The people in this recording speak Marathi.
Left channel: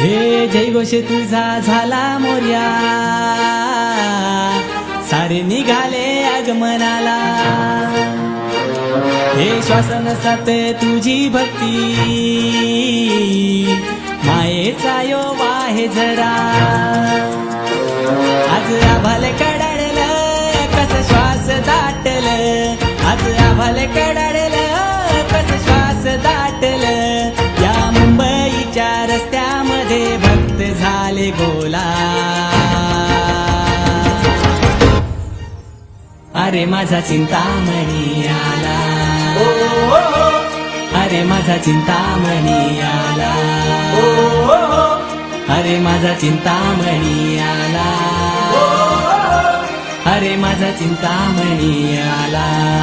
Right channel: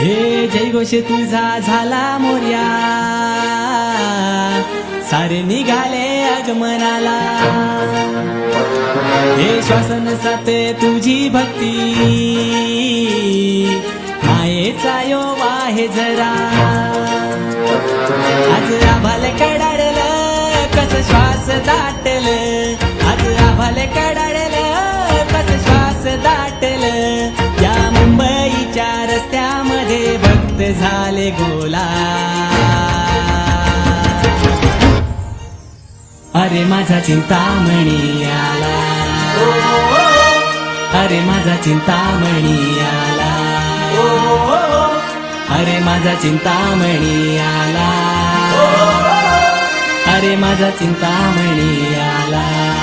हे जयघोष तुझा झाला मोर्या, सारे निघाले आगमनाला. हे श्वासन साते तुझी भक्ती, मायेचा यो वाहे जरा. आज आभाल कडाडलं कस श्वास दाटलं, आज आभाल कडाडलं कस श्वास दाटलं. या मुंबईच्या रस्त्यामध्ये भक्त झाले गोला. अरे माझा चिंतामणी आला, अरे माझा चिंतामणी आला, अरे माझा चिंतामणी आला, अरे माझा चिंतामणी आला.